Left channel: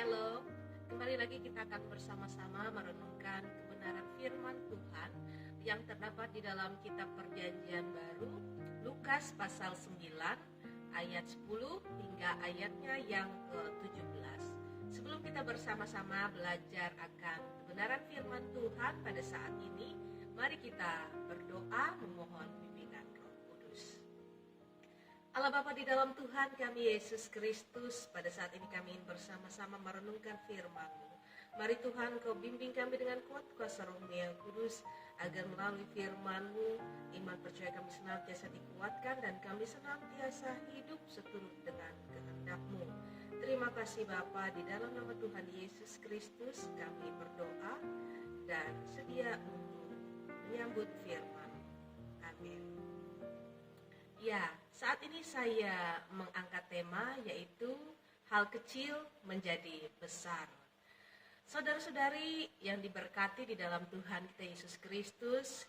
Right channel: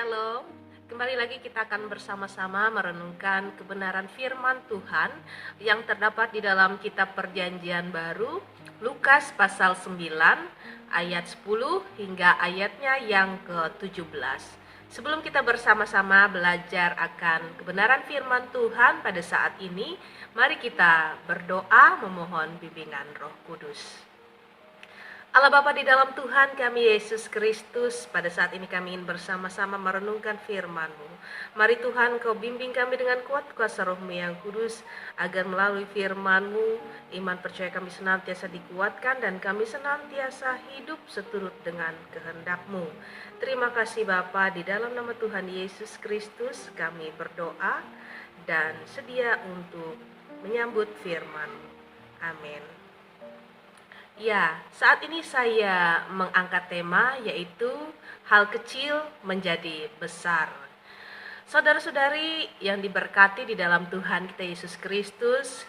Shalom, kembali lagi kita akan bersama-sama merenungkan kebenaran firman Tuhan yang terdapat di dalam kitab Perjanjian Baru, Lukas pasal 9 ayat 10 hingga ayatnya yang ke-17. Sebelum kita bersama-sama belajar akan kebenaran firman Tuhan pada saat ini, mari kita berdoa memohon bimbingan Roh Kudus. Allah Bapa di dalam Tuhan kami Yesus Kristus, pada saat ini kami ingin bersama-sama merenungkan firman-Mu. Mari Tuhan Kau bimbing kami dengan kuat kuasa Roh-Mu yang kudus, agar melalui firman-Mu, iman percaya kami senantiasa dikuatkan dan kami senantiasa hidup seturut dengan kehendak-Mu. Terima kasih Bapa, di dalam nama Tuhan Yesus Kristus kami berdoa dan sedia untuk menyambut firman-Mu. Amin. Ya, saat ini saya mengangkat tema yaitu hal kecil menjadi besar. Saudara-saudari yang diberkati di dalam Tuhan kita Yesus Kristus,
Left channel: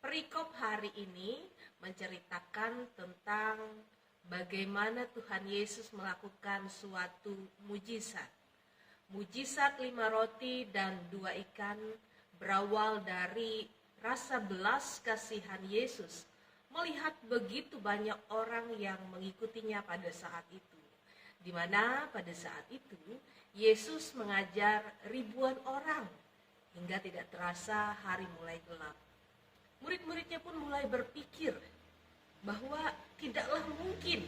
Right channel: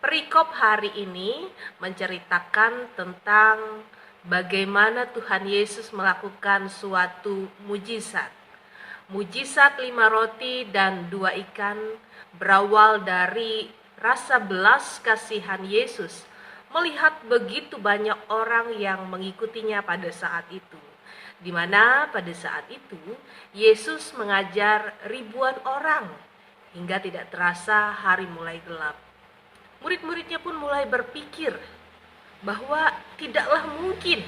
perikop hari ini menceritakan tentang bagaimana Tuhan Yesus melakukan suatu mujizat. Mujizat 5 roti dan 2 ikan berawal dari rasa belas kasihan Yesus melihat begitu banyak orang yang mengikutinya pada saat itu, di mana pada saat itu Yesus mengajar ribuan orang hingga tidak terasa hari mulai gelap. Murid-muridnya pun mulai berpikir bahwa tidaklah mungkin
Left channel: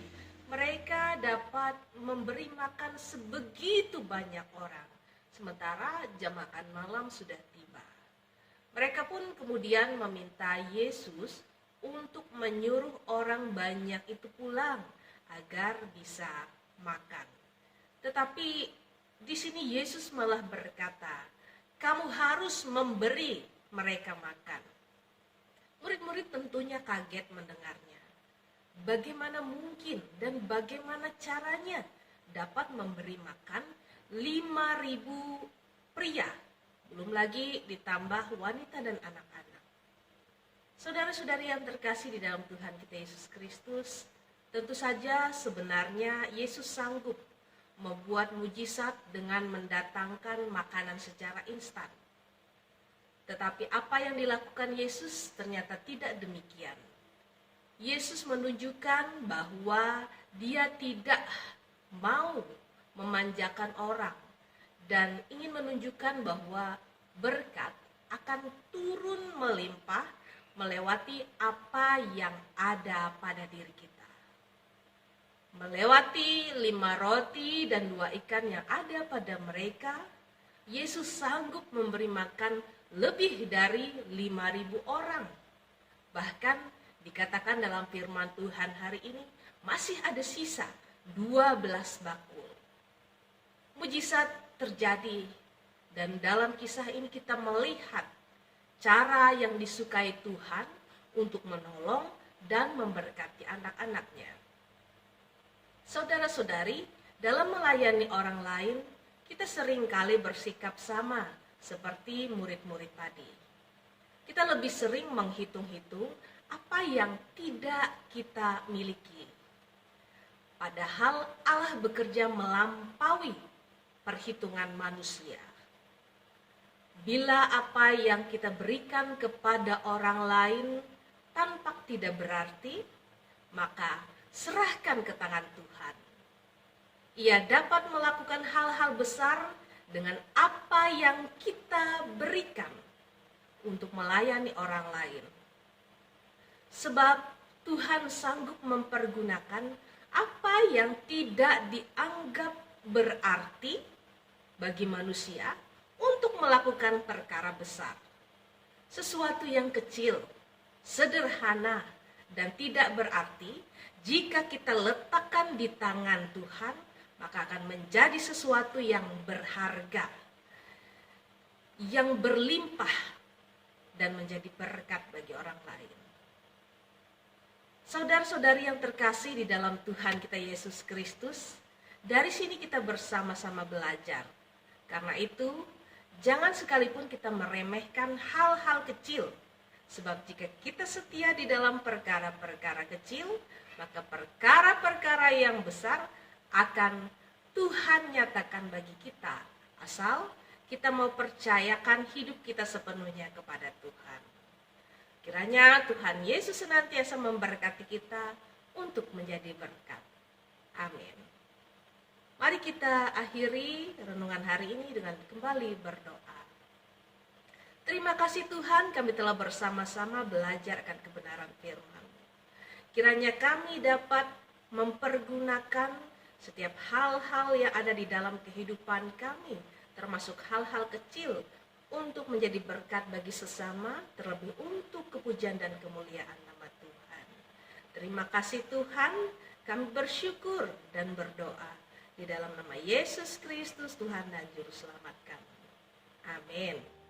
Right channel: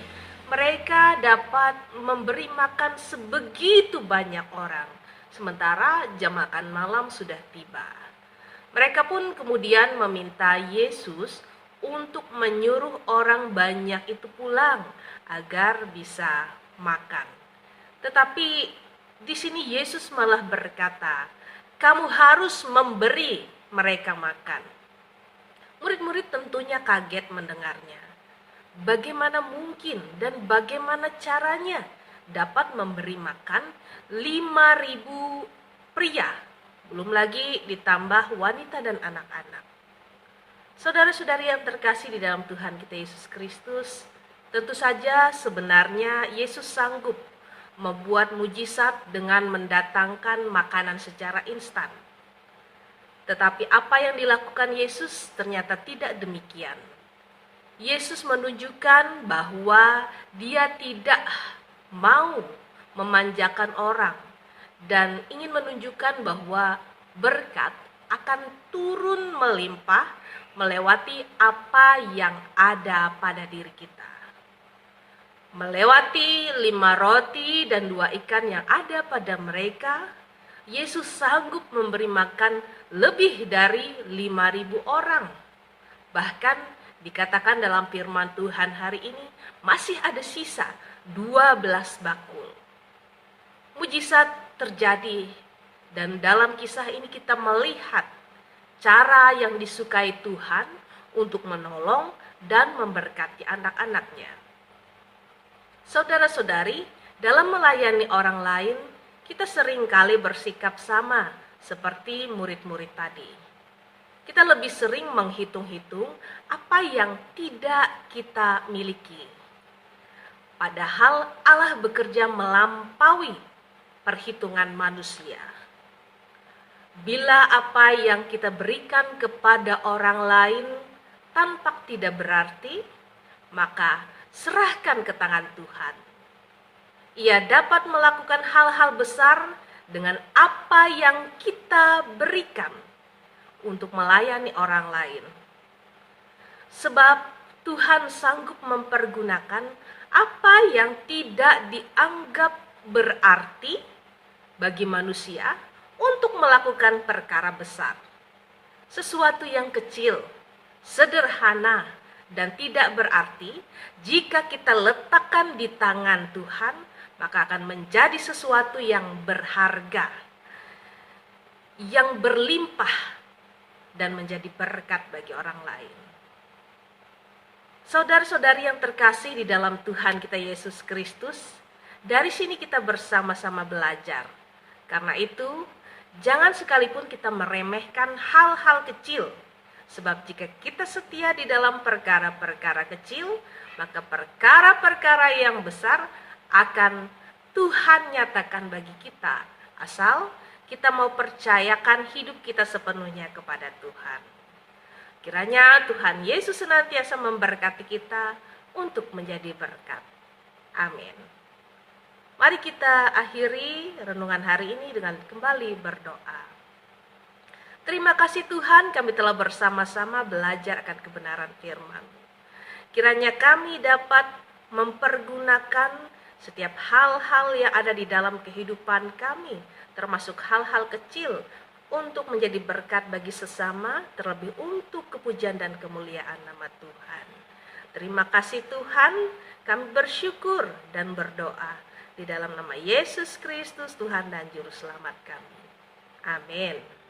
mereka dapat memberi makan sebegitu banyak orang, sementara jam makan malam sudah tiba. Mereka pun kemudian meminta Yesus untuk menyuruh orang banyak itu pulang agar bisa makan. Tetapi di sini Yesus malah berkata, "Kamu harus memberi mereka makan." Murid-murid tentunya kaget mendengarnya. Bagaimana mungkin dan bagaimana caranya dapat memberi makan 5.000 pria, belum lagi ditambah wanita dan anak-anak. Saudara-saudari yang terkasih di dalam Tuhan kita Yesus Kristus, tentu saja sebenarnya Yesus sanggup membuat mujizat dengan mendatangkan makanan secara instan. Tetapi apa yang dilakukan Yesus ternyata tidak demikian. Yesus menunjukkan bahwa Dia tidak mau memanjakan orang dan ingin menunjukkan bahwa berkat akan turun melimpah melewati apa yang ada pada diri kita. Melewati 5 roti dan 2 ikan yang ada pada mereka, Yesus sanggup memberi makan lebih dari 5.000 orang. Bahkan dikatakan dalam firman Tuhan hari ini masih ada sisa 12 bakul. Mujizat terjadi dan dalam kisah ini kita melihat cara yang disukai Tuhan untuk menolong dan memberkati anak-anaknya. Saudara-saudari, dalam melayani orang lain, kita seringkali bersikap sama seperti murid-murid tadi. Kita lebih sering menghitung-hitung apa yang tidak kita miliki. Padahal Allah bekerja melampaui perhitungan manusia. Bila apa yang kita berikan kepada orang lain tampak tidak berarti, maka serahkan ke tangan Tuhan. Ia dapat melakukan hal-hal besar dengan apa yang kita berikan untuk melayani orang lain. Sebab Tuhan sanggup mempergunakan apa yang tidak dianggap berarti bagi manusia untuk melakukan perkara besar. Sesuatu yang kecil, sederhana, dan tidak berarti jika kita letakkan di tangan Tuhan, maka akan menjadi sesuatu yang berharga, yang berlimpah, dan menjadi berkat bagi orang lain. Saudara-saudari yang terkasih di dalam Tuhan kita Yesus Kristus, dari sini kita bersama-sama belajar. Karena itu, jangan sekalipun kita meremehkan hal-hal kecil. Sebab jika kita setia di dalam perkara-perkara kecil, maka perkara-perkara yang besar akan Tuhan nyatakan bagi kita, asal kita mau percayakan hidup kita sepenuhnya kepada Tuhan. Kiranya Tuhan Yesus senantiasa memberkati kita untuk menjadi berkat. Amin. Mari kita akhiri renungan hari ini dengan kembali berdoa. Terima kasih Tuhan, kami telah bersama-sama belajar akan kebenaran firman. Kiranya kami dapat mempergunakan setiap hal-hal yang ada di dalam kehidupan kami, termasuk hal-hal kecil, untuk menjadi berkat bagi sesama, terlebih untuk kepujian dan kemuliaan nama Tuhan. Terima kasih Tuhan, kami bersyukur dan berdoa di dalam nama Yesus Kristus, Tuhan dan Juru Selamat kami. Amin.